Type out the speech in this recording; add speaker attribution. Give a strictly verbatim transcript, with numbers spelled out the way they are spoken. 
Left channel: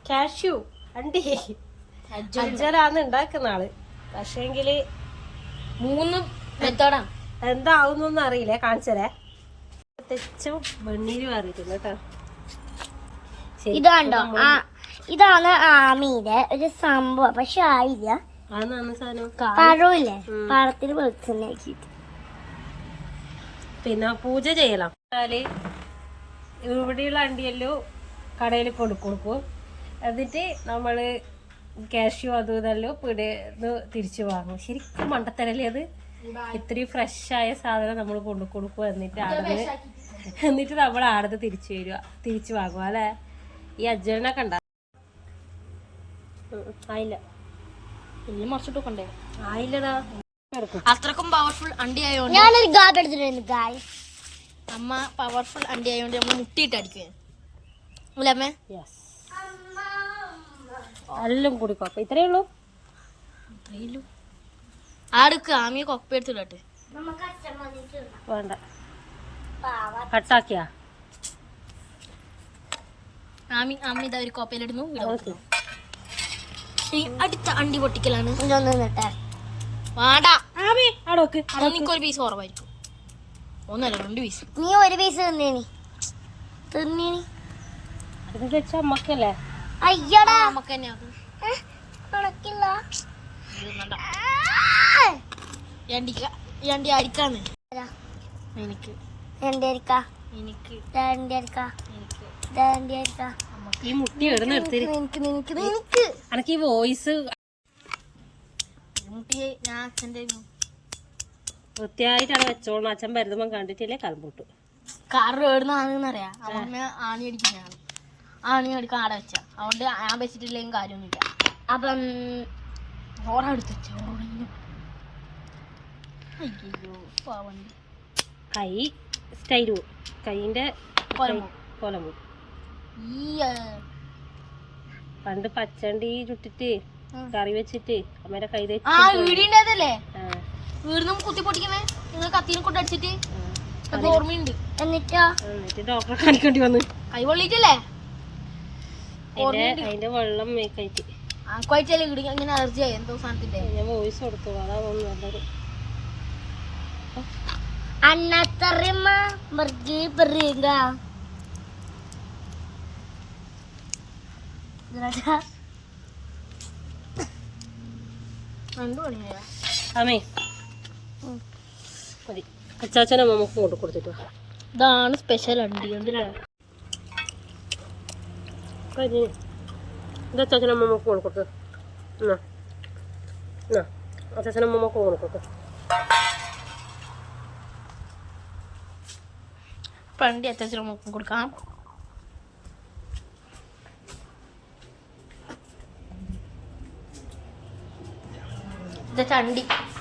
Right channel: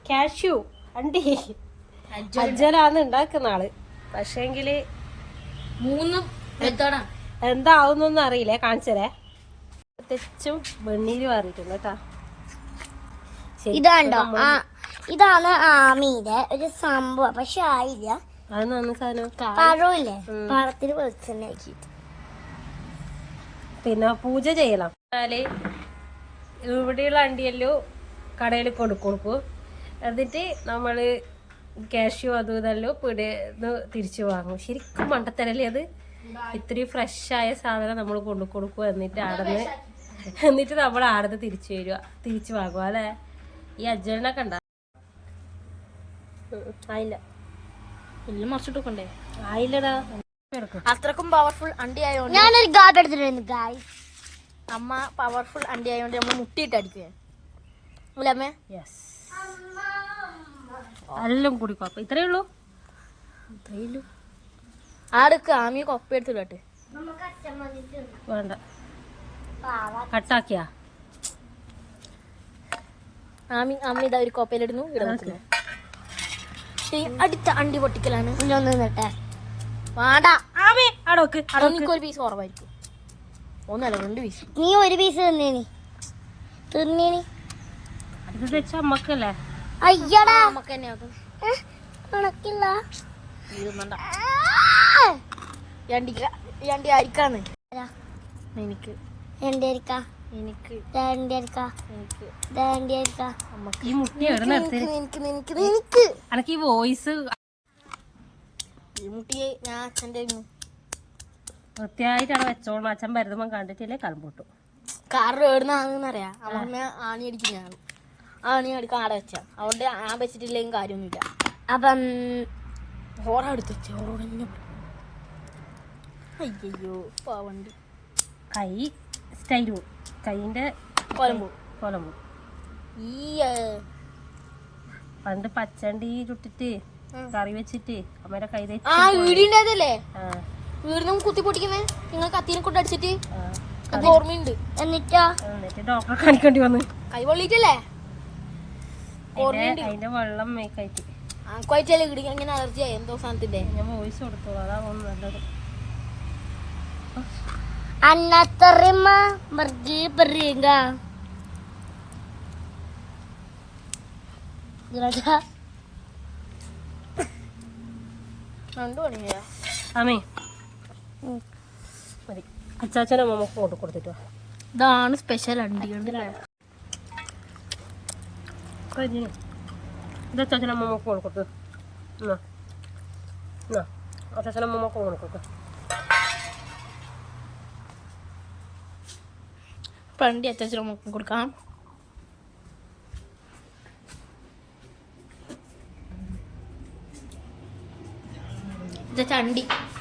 Speaker 1: Cashew അണ്ടി അജ്ജനാന്ന് ഉണ്ടാക്കുന്ന ആള്. പക്ഷേങ്കില്
Speaker 2: മൂന്ന് മെത്തോടാ
Speaker 1: എന്താവുന്നൊന്നും അറിയില്ലേ, കാണിച്ചരേ. തെച്ചും വെണ്ണീര് മാറിയിട്ടുണ്ട് കേട്ടാ.
Speaker 2: ഇതാണ്ടോ ഇതാണ് ആമീന്റെ ഒരു സംഭവം. പക്ഷെ ആയില്ല.
Speaker 1: അത് നന്ന സാധനം
Speaker 2: പഴമില്ലേ, പഴത്തിന് വെളിച്ചെണ്ണ ആക്കിയിട്ട്
Speaker 1: പിന്നെ പൂജ ചെയ്യലാം. എന്നാല് ഇവിടെയുള്ള അണ്ടിയല്ലോ കടയിൽ കൊടുക്കും കൊടുക്കും എന്നിട്ട് നമ്മള് കാഷ്യൂ അതും ഇതെല്ലാം പിടിന്ന് തിരിച്ചു വാങ്ങും. ശരിക്കും മണ്ടത്തരല്ലേ അത്. ഇത്രയും ഫ്രഷായ സാധനം നമ്മൾ കൊണ്ടു കൊടുക്കും. എന്നിട്ട് ആടന്ന് എന്നിട്ട് നമ്മൾ ആടന്ന് തിരിച്ചു വരിക, തിരിച്ചു വാങ്ങുക അല്ലേ. ഈ അജ്ജനൊക്കെ ഉണ്ടാ ആയില്ല,
Speaker 2: എല്ലാം മറിച്ചിട്ടൊക്കെ
Speaker 1: ആയില്ലടാ.
Speaker 2: അത്രക്കും പവർഫുൾ അണ്ടി ആയതുകൊണ്ട് അമ്മ പവർഫുൾ അണ്ടി ആയതുകൊണ്ട് നമ്മൾ മുട്ടിയിട്ട് അടിക്കുക അല്ലേ അമ്മേ?
Speaker 1: എല്ലാം കൂടി കുഴപ്പം ഇത്രേ ഉള്ളൂ.
Speaker 2: ഇത്രയുള്ളൂ. ആടക്ക് ആമിയെ കൊപ്പ എടുത്തിട്ട്
Speaker 1: വേണ്ട, കട്ടാക്കിയാ
Speaker 2: ആമി അമ്മ ഇതാ ഒരു കോപ്പയിലിടുന്നു. അടുത്ത അണ്ടി പൊട്ടിക്കലാണ്. ഒരു പീസ് കുറവായിരിക്കും. ഒന്നല്ല രണ്ട് പീസ്. നീ ഒരു പീസ് തിന്നേനി തിന്നേനി
Speaker 1: അമ്മക്കല്ലേ?
Speaker 2: അയ്യടാ നമുക്ക് തന്നെ കണക്കില്ല. രണ്ടി അരിക്കാന്ന് എനിക്ക് എനിക്ക് എനിക്ക്
Speaker 1: എനിക്ക് ഈ വോയിസ്
Speaker 2: ഞാൻ അച്ഛൻ്റെ
Speaker 1: വൃത്തിയായിട്ടാണ് വെച്ചോളൂ. അച്ഛൻ വരുമ്പോ കണ്ടിട്ടില്ലേ കലമ്പൂട്ടു.
Speaker 2: കാരണം എവിടുന്നാണെന്നറിയാം. അവനെ ആണി അടിക്കുന്നതാണ്. ആണി അടിക്കാൻ ആടെ വെച്ച അതുകൊണ്ട് ഞാൻ വെച്ചിട്ടില്ലെങ്കിൽ കാര്യമൊന്നുമില്ല. അപ്പം ഹോറെടുത്ത് വെച്ചോ. അയ്യോ പാവണ്ട്
Speaker 1: കൈ സ്റ്റൈലു കൈന്റെ കൊലമ്പു. ഈ പണ്ട് പച്ചണ്ടി ചുട്ടിട്ട് കറി വെച്ചിട്ട് അമ്മേടെ കൈ
Speaker 2: വീടിൻ്റെതല്ലേ വീടിനും കുത്തി പൊട്ടിക്കുന്നേ. നിങ്ങൾ കത്തീനെ കൊണ്ട് അടിച്ചിട്ട് ഓർമ്മയുണ്ട്. എന്നിട്ടോ
Speaker 1: എന്നിട്ട് ഡോക്ടറെ കാണിക്കേണ്ടി വന്ന്
Speaker 2: കൈ പൊള്ളിയിട്ടല്ലേ
Speaker 1: അതിന്റെ വെള്ളം മേക്കായിട്ട്
Speaker 2: ആക്കുവായിട്ടല്ലേ ഇടുക. ഇങ്ങനെ അലർജി ആയി എന്തോ സാധനത്തിന്റെ.
Speaker 1: ഞാൻ വോയിസ് കൊടുത്തോളൂ, അതാ നല്ലത്.
Speaker 2: അന്നത്തറിമ മർജി പറയുക
Speaker 1: ആമേ മതി. കുച്ചാച്ചനെ നമുക്ക് കൊണ്ട് കൊടുത്തിട്ട്
Speaker 2: ഇതാണ് സ്പെഷ്യൽ അണ്ടി.
Speaker 1: ഇത് അച്ചാച്ചനെ നമുക്ക് കൊണ്ട് കൊടുത്തു. അച്ചാച്ചനെ നമുക്ക് കൊണ്ട് കൊടുക്കും.
Speaker 2: പണ്ടി അച്ചാച്ചനെ നമുക്ക് കൊടുക്കാം. ഇത് ചണ്ടി